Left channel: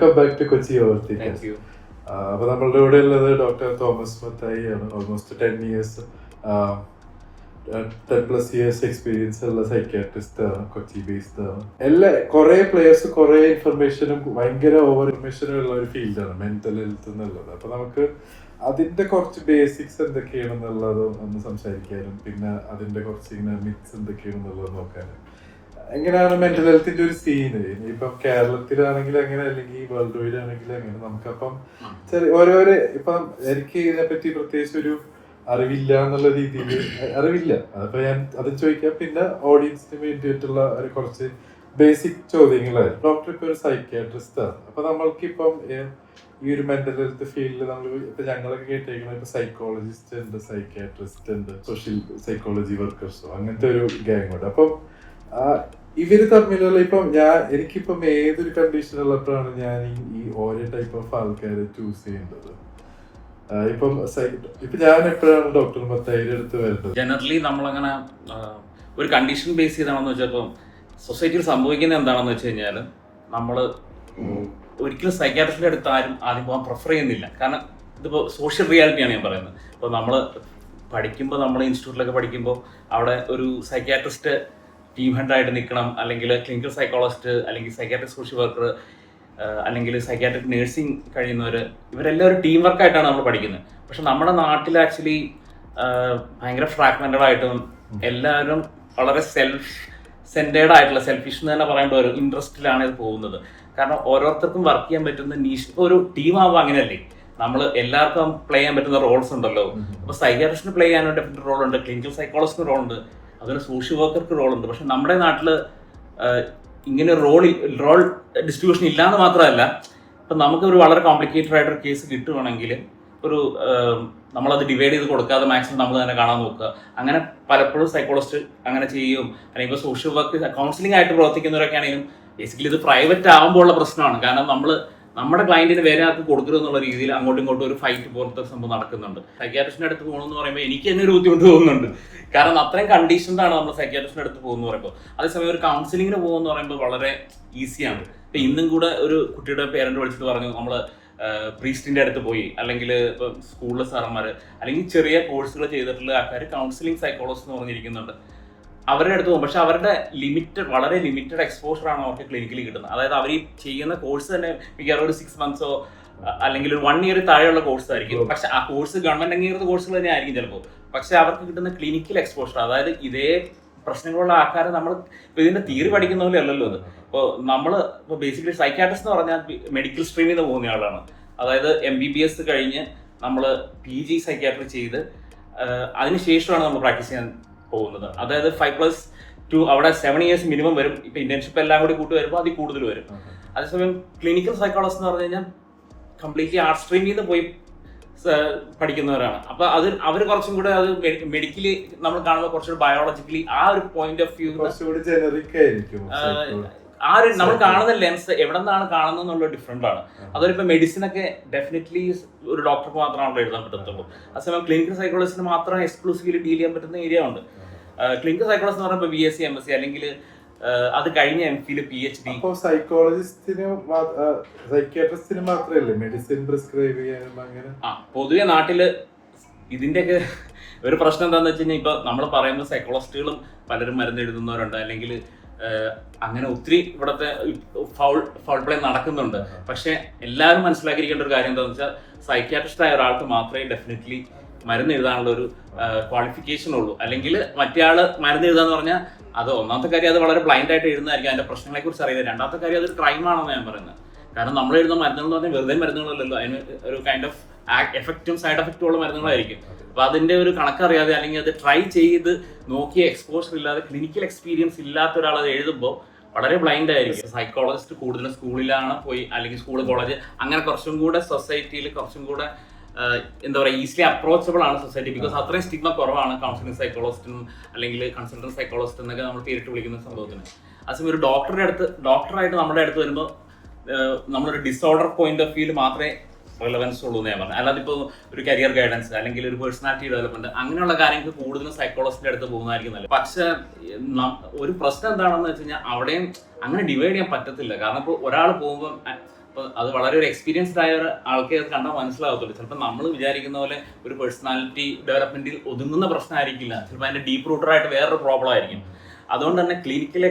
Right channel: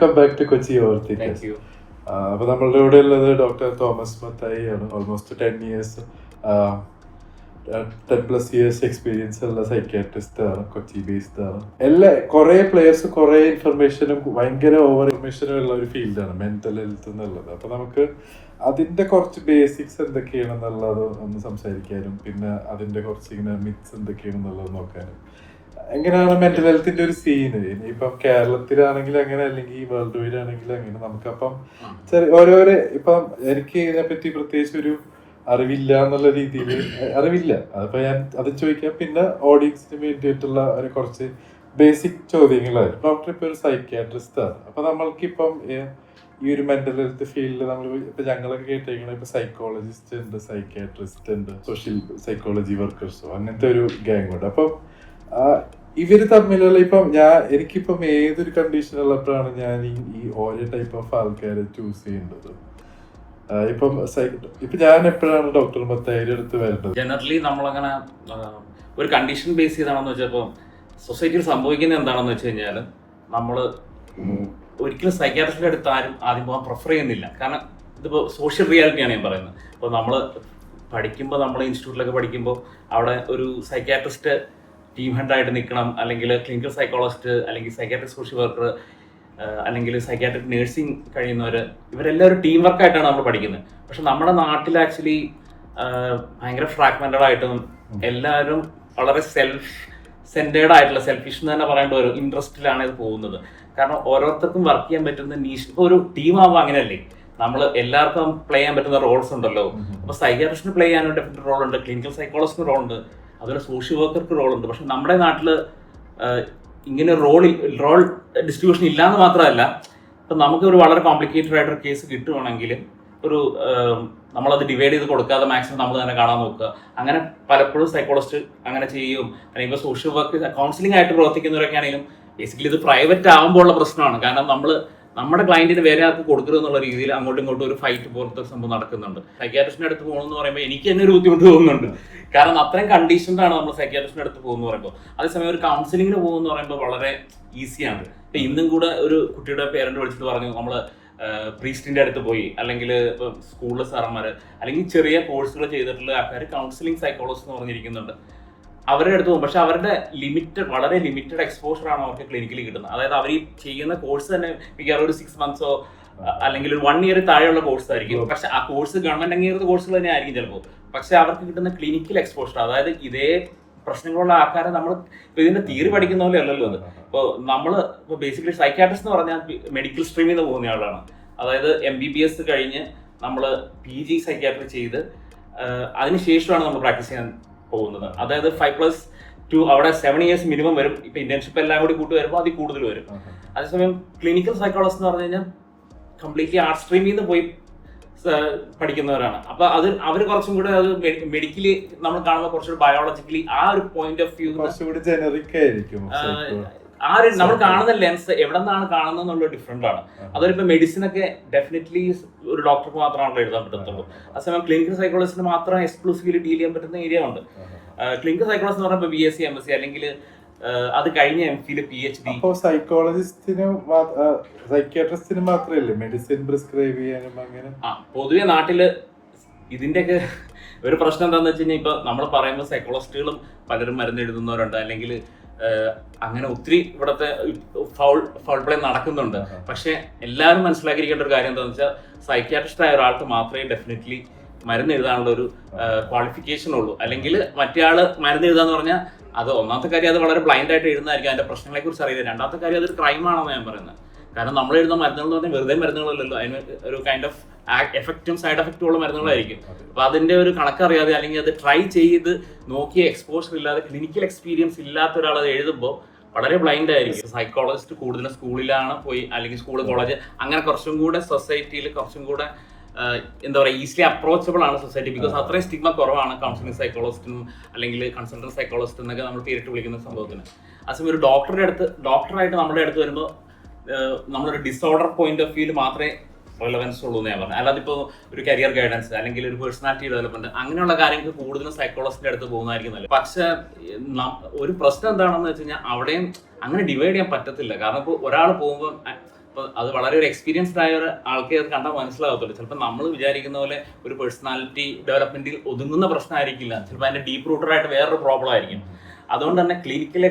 Welcome back to Kochi overthink. Thank you. അപ്പൊ നമ്മളുടെ കൂടെ ഉള്ളത് ഡോക്ടർ തോമസ് മത്തായി ആണ്. ഓൾമോസ്റ്റ് 10+ years എക്സ്പീരിയൻസ് ഉള്ള സൈക്യാട്രിസ്റ്റ് ആണ്, കൊച്ചി ബേസ്ഡ് ആണ്. കുറെ പ്ലേയേഴ്സ് കുറെ ഇൻഫർമേഷനും ഭയങ്കര ഓവർ ഇൻഫർമേഷനും ഉള്ള ഒരു ഫീൽഡാണ് മെന്റൽ ഹെൽത്ത് എന്നുള്ളത്. അപ്പൊ നമുക്ക് അതിന്റെ കുറച്ച് ബേസിക്സ് എന്തൊക്കെയാണെന്നുള്ളത് ഒന്ന് സംസാരിക്കാനും പിന്നെ അതിന്റെ കുറച്ച് ഇങ്ങനെ മിത്സ് എന്തൊക്കെയാണെന്നുള്ളത് നോക്കാനും. എങ്ങനെയാണ് മെന്റൽ ഹെൽത്തിന്റെ ഒരു സീന് ഇനിയിപ്പം കേരളത്തിലാണെങ്കിൽ അങ്ങനെ അല്ലെങ്കിൽ വേൾഡ് വൈഡ് ആണെങ്കിൽ അങ്ങനെ നമുക്കപ്പം ഓരോരോ ഇപ്പം എനിക്ക് ഇതിനെപ്പറ്റി പ്രത്യേകിച്ച് ഒരു അറിവില്ല എന്നുള്ള രീതിയിൽ അറിവില്ല. അതിപ്പോ ഞാൻ അത് ചോദിക്കാം. പിന്നെ ഓഡിയൻസിന് വേണ്ടിയിട്ടുള്ള ഒരു കുറച്ച് ബേസിക് ചോദ്യങ്ങളായിരുന്നു. ഡോക്ടർ ഇപ്പൊ ഒരു സൈക്യാട്രിസ്റ്റ് ആണ്. അപ്പൊ നമ്മൾക്കിപ്പം ഈ ഒരു മെന്റൽ ഹെൽത്ത് ഫീൽഡിൽ നമ്മൾ ഇപ്പൊ ഞങ്ങളൊക്കെ കേട്ടേക്കുന്നത് ഇപ്പൊ സൈക്കോളജിസ്റ്റ് ഉണ്ട്, സൈക്യാട്രിസ്റ്റ് ഉണ്ട്, സോഷ്യൽ സൈക്കോളജി വർക്കേഴ്സോ അങ്ങനത്തെ ഒരു ഗ്യാങ് ഉണ്ട്. അപ്പം ഇവര് തമ്മിലുള്ള എനിക്കിപ്പം ഏതൊരു കണ്ടീഷൻ ഉള്ളപ്പോഴാണ് ഞാൻ ഈ ഓരോ ടൈപ്പ് ഓഫ് ആൾക്കാരെ ചൂസ് ചെയ്യേണ്ടത്. ഇപ്പം ഞാൻ എപ്പോഴാണ് ഡോക്ടർ മത്തായിയുടെ അടുത്ത് വരേണ്ടത്? ജനറലി നമ്മളങ്ങനെ ഒരു കണ്ടീഷൻ ബേസ് ചെയ്താണെന്ന് വെച്ചപ്പോൾ സൊസൈറ്റിയിൽ സംഭവിക്കുന്നത് എന്താണെന്ന് വെച്ച് കഴിഞ്ഞാൽ നമ്മൾ ഒരിക്കലും സൈക്യാട്രിസ്റ്റിൻ്റെ അടുത്ത് ആരും ആദ്യം പോകാൻ പ്രിഫർ ചെയ്യുന്നില്ല. കാരണം ഇതിപ്പോൾ സോഷ്യൽ റിയാലിറ്റിയാണ് ഞാൻ പറയുന്നത്. ഇപ്പോൾ നമ്മൾ പഠിക്കുമ്പോൾ നമ്മൾ ഇൻസ്റ്റിറ്റ്യൂട്ടിലൊക്കെ പഠിക്കുമ്പോൾ അവിടെ ഒരു സൈക്യാട്രിസ്റ്റ് ടീം ഹെഡായിട്ട് നിൽക്കണം, അല്ലെങ്കിൽ ക്ലിനിക്കൽ സൈക്കോളജിസ്റ്റ്, അല്ലെങ്കിൽ സൈക്യാട്രിക് സോഷ്യൽ വർക്കർ, അല്ലെങ്കിൽ സൈക്യാട്രിക് നേഴ്സിംഗ് കഴിയുന്നവർ, ഇവരെല്ലാം ഒരു ടീം വർക്കായിട്ടാണ് നമ്മൾ പഠിക്കുന്നത്. പക്ഷെ നമ്മുടെ നാട്ടിൽ ആക്ച്വലി ഭയങ്കര ഫ്രാഗ്മെന്റഡ് ആയിട്ടും എല്ലാവരും വളരെ സെൻറ്റേർഡ് ആയിട്ടുള്ള സെൽഫിഷ് എന്ന് തന്നെ പറയേണ്ട ഒരു ഇൻട്രസ്റ്റിലാണ് ഇത് പോകുന്നത്. കാരണം ഓരോരുത്തർക്കും വർക്ക് ചെയ്യാൻ പറ്റുന്ന നീഷ്. ഇപ്പോൾ ഒരു ടീം ആവുമ്പോൾ അങ്ങനെയല്ലേ, നമ്മൾ എല്ലാവർക്കും പ്ലേ ചെയ്യാൻ പറ്റുന്ന റോൾസ് ഉണ്ടല്ലോ. അപ്പോൾ സൈക്യാട്രിസ്റ്റിന് പ്ലേ ചെയ്യാൻ ഡെഫിനറ്റ് റോൾ ഉണ്ട്, ക്ലിനിക്കൽ സൈക്കോളജിസ്റ്റിന് റോൾ ഉണ്ട്, അതുപോലെ സോഷ്യൽ വർക്കർക്ക് റോൾ ഉണ്ട്. പക്ഷെ നമ്മുടെ നാട്ടിൽ ഇങ്ങനെ റോൾ ഡിസ്ട്രിബ്യൂഷൻ ഇല്ലാന്ന് മാത്രമല്ല, ഇപ്പം നമുക്ക് ഒരു വളരെ കോംപ്ലിക്കേറ്റഡ് ആയിട്ടൊരു കേസ് കിട്ടുവാണെങ്കിൽ ഒരു നമ്മളത് ഡിവൈഡ് ചെയ്ത് കൊടുക്കാതെ മാക്സിമം നമ്മൾ തന്നെ കാണാൻ നോക്കുക. അങ്ങനെ പലപ്പോഴും സൈക്കോളജിസ്റ്റ് അങ്ങനെ ചെയ്യും. അല്ലെങ്കിൽ ഇപ്പോൾ സോഷ്യൽ വർക്ക് കൗൺസിലിംഗ് ആയിട്ട് പ്രവർത്തിക്കുന്നവരൊക്കെ ആണെങ്കിലും ബേസിക്കലി ഇത് പ്രൈവറ്റ് ആകുമ്പോൾ ഉള്ള പ്രശ്നമാണ്. കാരണം നമ്മുടെ ക്ലയന്റിന് വേറെ ആർക്ക് കൊടുക്കരുത് എന്നുള്ള രീതിയിൽ അങ്ങോട്ടും ഇങ്ങോട്ടും ഒരു ഫൈറ്റ് പോലത്തെ സംഭവം നടക്കുന്നുണ്ട്. സൈക്യാട്രിസ്റ്റിന്റെ അടുത്ത് പോകണമെന്ന് പറയുമ്പോൾ എനിക്ക് തന്നെ ഒരു ബുദ്ധിമുട്ട് തോന്നുന്നുണ്ട്. കാരണം അത്രയും കണ്ടീഷൻഡാണ് നമ്മൾ സൈക്യാട്രിസ്റ്റിന്റെ അടുത്ത് പോകുന്നു പറയുമ്പോൾ. അതേസമയം ഒരു കൗൺസിലിങ്ങിന് പോകുമെന്ന് പറയുമ്പോൾ വളരെ ഈസിയാണ്. ഇപ്പം ഇന്നും കൂടെ ഒരു കുട്ടിയുടെ പേരന്റ് വിളിച്ചിട്ട് പറഞ്ഞു നമ്മൾ പ്രീസ്റ്റിന്റെ അടുത്ത് പോയി, അല്ലെങ്കിൽ ഇപ്പം സ്കൂളിലെ സാറന്മാർ, അല്ലെങ്കിൽ ചെറിയ കോഴ്സുകൾ ചെയ്തിട്ടുള്ള ആൾക്കാർ കൗൺസിലിംഗ് സൈക്കോളജിസ്റ്റ് എന്ന് പറഞ്ഞിരിക്കുന്നുണ്ട്. അവരുടെ അടുത്ത് പോകും. പക്ഷെ അവരുടെ വളരെ ലിമിറ്റഡ് എക്സ്പോഷറാണ് അവർക്ക് ക്ലിനിക്കലി കിട്ടുന്നത്. അതായത് അവർ ഈ ചെയ്യുന്ന കോഴ്സ് തന്നെ മിക്കവാറും ഒരു 6 months അല്ലെങ്കിൽ ഒരു 1 year താഴെയുള്ള കോഴ്സ് ആയിരിക്കും. പക്ഷെ ആ കോഴ്സ് ഗവൺമെന്റ് അംഗീകൃത കോഴ്സുകൾ തന്നെ ആയിരിക്കും ചിലപ്പോൾ. പക്ഷെ അവർക്ക് കിട്ടുന്ന ക്ലിനിക്കൽ എക്സ്പോഷർ, അതായത് ഇതേ പ്രശ്നങ്ങളുള്ള ആൾക്കാരെ നമ്മൾ ഇപ്പോൾ ഇതിന്റെ തിയറി പഠിക്കുന്ന പോലെ അല്ലല്ലോ അത്. ഇപ്പോൾ ഇപ്പോൾ ബേസിക്കലി സൈക്യാട്രിസ്റ്റ് എന്ന് പറഞ്ഞാൽ മെഡിക്കൽ സ്ട്രീമിൽ നിന്ന് പോകുന്ന ആളാണ്. അതായത് MBBS കഴിഞ്ഞ് നമ്മൾ PG സൈക്യാട്രി ചെയ്ത് അതിനുശേഷമാണ് നമ്മൾ പ്രാക്ടീസ് ചെയ്യാൻ പോകുന്നത്. അതായത് 5+2 അവിടെ 7 years മിനിമം വരും. ഇപ്പൊ ഇന്റേൺഷിപ്പ് എല്ലാം കൂടി കൂട്ടി വരുമ്പോൾ അതിൽ കൂടുതൽ വരും. അതേസമയം ക്ലിനിക്കൽ സൈക്കോളജിസ്റ്റ് എന്ന് പറഞ്ഞു കഴിഞ്ഞാൽ കംപ്ലീറ്റ്ലി ആർട്ട് സ്ട്രീമിൽ നിന്ന് പോയി പഠിക്കുന്നവരാണ്. അപ്പൊ അവർ കുറച്ചും കൂടെ അത് മെഡിക്കലി നമ്മൾ കാണുമ്പോൾ കുറച്ചുകൂടി ബയോളജിക്കലി ആ ഒരു പോയിന്റ് ഓഫ് വ്യൂ ആ ഒരു നമ്മൾ കാണുന്ന ലെൻസ് എവിടെ നിന്നാണ് കാണുന്നത് എന്നുള്ള ഡിഫറെന്റ് ആണ്. അതൊരിപ്പോ മെഡിസിൻ ഒക്കെ ഡെഫിനറ്റ്ലി ഒരു ഡോക്ടർക്ക് മാത്രമാണല്ലോ എഴുതാൻ പറ്റത്തുള്ളൂ. അതേസമയം ക്ലിനിക്കൽ സൈക്കോളജിസ്റ്റിന് മാത്രം എക്സ്ക്ലൂസീവ്ലി ഡീൽ ചെയ്യാൻ പറ്റുന്ന ഏരിയ ഉണ്ട്. ക്ലിനിക്കൽ സൈക്കോളജിസ്റ്റ് എന്ന് പറയുമ്പോൾ BSc MSc അല്ലെങ്കിൽ അത് കഴിഞ്ഞ MPhil PhD. സൈക്യാട്രിസ്റ്റിന് മാത്രമല്ലേ മെഡിസിൻ പ്രിസ്ക്രൈബ് ചെയ്യാനും അങ്ങനെ? പൊതുവെ നാട്ടില് ഇതിന്റെയൊക്കെ ഒരു പ്രശ്നം എന്താണെന്ന് വെച്ച് കഴിഞ്ഞാൽ ഇപ്പൊ നമ്മൾ പറയുമ്പോൾ സൈക്കോളജിസ്റ്റുകളും പലരും മരുന്ന് എഴുതുന്നവരുണ്ട്, അല്ലെങ്കിൽ അങ്ങനെ ഒത്തിരി ഇവിടുത്തെ ഫൗൾ പ്ലേ നടക്കുന്നുണ്ട്. പക്ഷെ എല്ലാവരും മനസ്സിലാക്കിയിരിക്കേണ്ട ഒരു കാര്യം എന്താണെന്ന് വെച്ചാൽ സൈക്യാട്രിസ്റ്റ് ആയ ഒരാൾക്ക് മാത്രമേ ഡെഫിനറ്റ്ലി മരുന്ന് എഴുതാനുള്ള ഒരു ക്വാളിഫിക്കേഷൻ ഉള്ളൂ. അല്ലെങ്കിൽ മറ്റേ ആള് മരുന്ന് എഴുതാന്ന് പറഞ്ഞാൽ അത് ഒന്നാമത്തെ കാര്യം അത് വളരെ ബ്ലൈൻഡ് ആയിട്ട് എഴുതുന്നതായിരിക്കും, അതിന്റെ പ്രശ്നങ്ങളെ കുറിച്ച് അറിയില്ല. രണ്ടാമത്തെ കാര്യം അതൊരു ക്രൈമാണെന്ന് ഞാൻ പറയുന്നത്. കാരണം നമ്മൾ എഴുതുന്ന മരുന്നുകൾ എന്ന് പറഞ്ഞാൽ വെറുതെ മരുന്നുകളല്ലല്ലോ, അതിന് ഒരു കൈൻഡ് ഓഫ് എഫക്റ്റും സൈഡ് എഫക്റ്റും ഉള്ള മരുന്നുകളായിരിക്കും. അപ്പൊ അതിന്റെ ഒരു കണക്കറിയാതെ അല്ലെങ്കിൽ അത് ട്രൈ ചെയ്ത് നോക്കിയ എക്സ്പോഷർ ഇല്ലാതെ ക്ലിനിക്കൽ എക്സ്പീരിയൻസ് ഇല്ലാത്ത ഒരാൾ അത് എഴുതുമ്പോൾ വളരെ ബ്ലൈൻഡ് ആയിരിക്കും. സൈക്കോളജിസ്റ്റ് കൂടുതലും സ്കൂളിലാണ് പോയി, അല്ലെങ്കിൽ സ്കൂൾ കോളേജ് അങ്ങനെ കുറച്ചും കൂടെ സൊസൈറ്റിയിൽ കുറച്ചും കൂടെ എന്താ പറയുക ഈസിലി അപ്രോച്ചബിൾ ആണ് സൊസൈറ്റി. ബിക്കോസ് അത്രയും സ്റ്റിഗ്മ കുറവാണ് കൗൺസിലിംഗ് സൈക്കോളജിസ്റ്റിനും അല്ലെങ്കിൽ കൺസൾട്ടന്റ് സൈക്കോളജിസ്റ്റ് എന്നൊക്കെ നമ്മൾ പേരിട്ട് വിളിക്കുന്ന സംഭവത്തിന്. അതേസമയം ഒരു ഡോക്ടറായിട്ട് നമ്മുടെ അടുത്ത് വരുമ്പോൾ നമ്മളൊരു ഡിസോർഡർ പോയിന്റ് ഓഫ് വ്യൂവിൽ മാത്രമേ റെലവൻസ് ഉള്ളൂ എന്ന് ഞാൻ പറഞ്ഞു. അല്ലാതെ ഇപ്പോൾ ഒരു കരിയർ ഗൈഡൻസ് അല്ലെങ്കിൽ ഒരു പേഴ്സണാലിറ്റി ഡെവലപ്മെന്റ് അങ്ങനെയുള്ള കാര്യങ്ങൾക്ക് കൂടുതലും സൈക്കോളജിസ്റ്റിന്റെ അടുത്ത് പോകുന്നതായിരിക്കും നല്ലത്. പക്ഷെ ഒരു പ്രശ്നം എന്താണെന്ന് വെച്ച് കഴിഞ്ഞാൽ അവിടെയും അങ്ങനെ ഡിവൈഡ് ചെയ്യാൻ പറ്റത്തില്ല. കാരണം ഇപ്പോൾ ഒരാൾ പോകുമ്പോൾ അപ്പോൾ അത് വളരെ ഒരു എക്സ്പീരിയൻസ്ഡ് ആയ ഒരു ആൾക്കേ അത് കണ്ടാൽ മനസ്സിലാകത്തുള്ളൂ. ചിലപ്പോൾ നമ്മൾ വിചാരിക്കുന്ന പോലെ ഒരു പേഴ്സണാലിറ്റി ഡെവലപ്മെന്റിൽ ഒതുങ്ങുന്ന പ്രശ്നമായിരിക്കില്ല, ചിലപ്പോൾ അതിന്റെ ഡീപ്പ് റൂട്ടറായിട്ട് വേറൊരു പ്രോബ്ലം ആയിരിക്കും. അതുകൊണ്ട് തന്നെ ക്ലിനിക്കൽ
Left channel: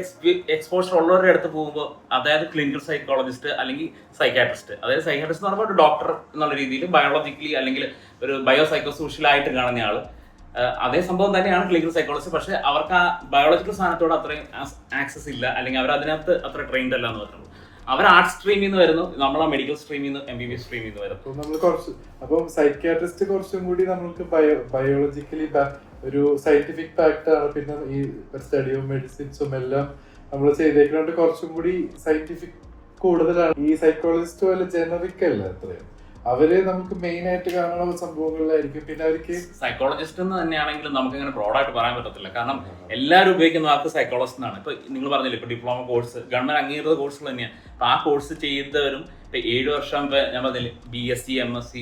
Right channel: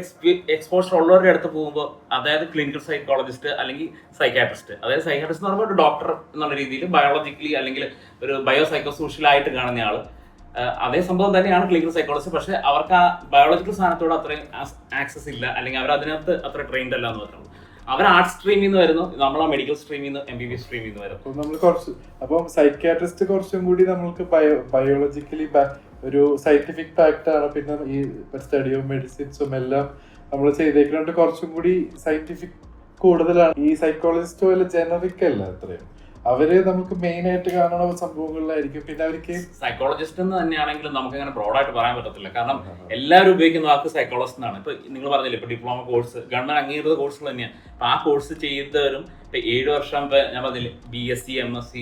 എക്സ്പോഷർ ഉള്ളവരുടെ അടുത്ത് പോകുമ്പോൾ, അതായത് ക്ലിനിക്കൽ സൈക്കോളജിസ്റ്റ് അല്ലെങ്കിൽ സൈക്കാട്രിസ്റ്റ്, അതായത് സൈക്കാട്രിസ്റ്റ് എന്ന് പറയുമ്പോൾ ഒരു ഡോക്ടർ എന്നുള്ള രീതിയിൽ ബയോളജിക്കലി അല്ലെങ്കിൽ ഒരു ബയോ സൈക്കോ സോഷ്യലായിട്ട് കാണുന്ന ആള്, അതേ സംഭവം തന്നെയാണ് ക്ലിനിക്കൽ സൈക്കോളജി. പക്ഷെ അവർക്ക് ആ ബയോളജിക്കൽ സാധനത്തോട് അത്രയും ആക്സസ് ഇല്ല, അല്ലെങ്കിൽ അവർ അതിനകത്ത് അത്ര ട്രെയിൻഡ് അല്ല എന്ന് പറഞ്ഞു. അവർ ആർട്സ് സ്ട്രീമിൽ നിന്ന് വരുന്നു, നമ്മൾ ആ മെഡിക്കൽ സ്ട്രീമിൽ നിന്ന് MBBS സ്ട്രീമിൽ നിന്ന് വരുന്നു. അപ്പം സൈക്കാട്രിസ്റ്റ് കുറച്ചും കൂടി നമ്മൾക്ക് ബയോളജിക്കലി ഒരു സയന്റിഫിക് ഫാക്ട് ആണ്. പിന്നെ ഈ സ്റ്റഡി ഓഫ് മെഡിസിൻസും എല്ലാം നമ്മൾ ചെയ്തേക്കുന്നത് കുറച്ചും കൂടി സയന്റിഫിക് കൂടുതലാണ്. ഈ സൈക്കോളജിസ്റ്റ് പോലെ ജനറിക് അല്ല അത്രയും. അവര് നമുക്ക് മെയിൻ ആയിട്ട് കാണുന്ന സംഭവങ്ങളിലായിരിക്കും. പിന്നെ അവർക്ക് സൈക്കോളജിസ്റ്റ് എന്ന് തന്നെയാണെങ്കിലും നമുക്ക് അങ്ങനെ ബ്രോഡായിട്ട് പറയാൻ പറ്റത്തില്ല. കാരണം എല്ലാവരും ഉപയോഗിക്കുന്ന വാക്ക് സൈക്കോളജിസ്റ്റ് എന്നാണ്. ഇപ്പൊ നിങ്ങൾ പറഞ്ഞില്ല, ഇപ്പൊ ഡിപ്ലോമ കോഴ്സ് ഗവൺമെന്റ് അംഗീകൃത കോഴ്സുകൾ തന്നെയാണ്. അപ്പൊ ആ കോഴ്സ് ചെയ്തവരും ഇപ്പൊ 7 വർഷം ഞാൻ പറഞ്ഞില്ലേ BSc MSc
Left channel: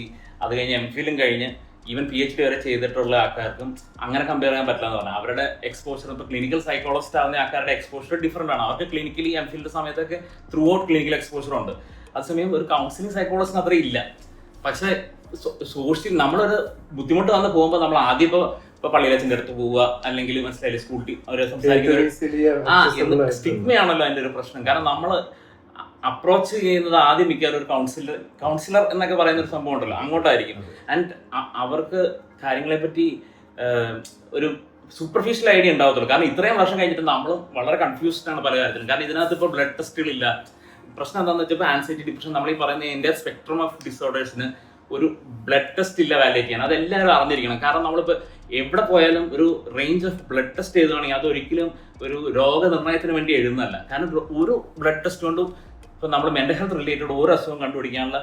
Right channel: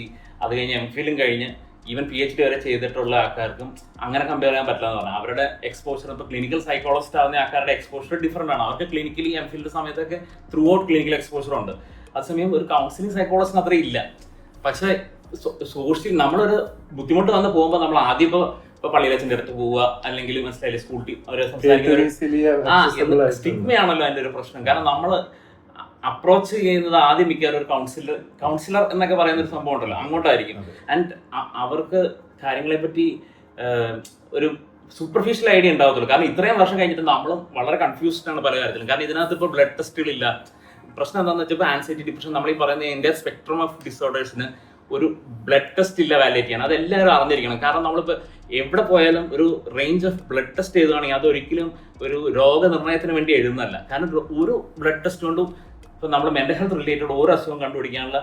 അത് കഴിഞ്ഞ് MPhilഉം കഴിഞ്ഞ് ഈവൻ PhD വരെ ചെയ്തിട്ടുള്ള ആൾക്കാർക്കും അങ്ങനെ കമ്പയർ ചെയ്യാൻ പറ്റില്ല എന്ന് പറഞ്ഞാൽ അവരുടെ എക്സ്പോഷർ, ഇപ്പൊ ക്ലിനിക്കൽ സൈക്കോളജിസ്റ്റ് ആവുന്ന ആൾക്കാരുടെ എക്സ്പോഷർ ഡിഫറെന്റ് ആണ്. അവർക്ക് ക്ലിനിക്കലി MPhil സമയത്തൊക്കെ ത്രൂ ഔട്ട് ക്ലിനിക്കൽ എക്സ്പോഷർ ഉണ്ട്. അതേസമയം ഒരു കൗൺസിലിംഗ് സൈക്കോളജിസ്റ്റിന് അത്ര ഇല്ല. പക്ഷെ സോഷ്യൽ നമ്മളൊരു ബുദ്ധിമുട്ട് വന്ന് പോകുമ്പോൾ നമ്മൾ ആദ്യം ഇപ്പൊ പള്ളിയിലച്ഛൻ്റെ അടുത്ത് പോവുക, അല്ലെങ്കിൽ മനസ്സിലായില്ലേ സ്കൂളിൽ അവർ സംസാരിക്കുന്ന സ്റ്റിഗ്മയാണല്ലോ അതിന്റെ ഒരു പ്രശ്നം. കാരണം നമ്മൾ അപ്രോച്ച് ചെയ്യുന്നത് ആദ്യം മിക്കവാറും ഒരു കൗൺസിലർ എന്നൊക്കെ പറയുന്ന ഒരു സംഭവം ഉണ്ടല്ലോ, അങ്ങോട്ടായിരിക്കും. ആൻഡ് അവർക്ക് കാര്യങ്ങളെ പറ്റി ഒരു സൂപ്പർഫിഷ്യൽ ഐഡിയ ഉണ്ടാവത്തുള്ളൂ. കാരണം ഇത്രയും വർഷം കഴിഞ്ഞിട്ട് നമ്മളും വളരെ കൺഫ്യൂസ്ഡ് ആണ് പല കാര്യത്തിലും. കാരണം ഇതിനകത്ത് ഇപ്പോൾ ബ്ലഡ് ടെസ്റ്റുകളില്ല. പ്രശ്നം എന്താണെന്ന് വെച്ചാൽ ഇപ്പോൾ ആൻസൈറ്റി, ഡിപ്രഷൻ, നമ്മൾ ഈ പറയുന്ന എൻ്റെ സ്പെക്ട്രം ഓഫ് ഡിസോർഡേഴ്സിന് ഒരു ബ്ലഡ് ടെസ്റ്റ് ഇല്ല വാലിഡേറ്റ് ചെയ്യാൻ. അതെല്ലാവരും അറിഞ്ഞിരിക്കണം. കാരണം നമ്മളിപ്പോൾ എവിടെ പോയാലും ഒരു റേഞ്ച് ഓഫ് ബ്ലഡ് ടെസ്റ്റ് ചെയ്തുകയാണെങ്കിൽ അതൊരിക്കലും ഒരു രോഗനിർണയത്തിന് വേണ്ടി എഴുതുന്നതല്ല. കാരണം ഒരു ബ്ലഡ് ടെസ്റ്റ് കൊണ്ടും ഇപ്പം നമ്മൾ മെന്റൽ ഹെൽത്ത് റിലേറ്റഡ് ഓരോ അസുഖം കണ്ടുപിടിക്കാനുള്ള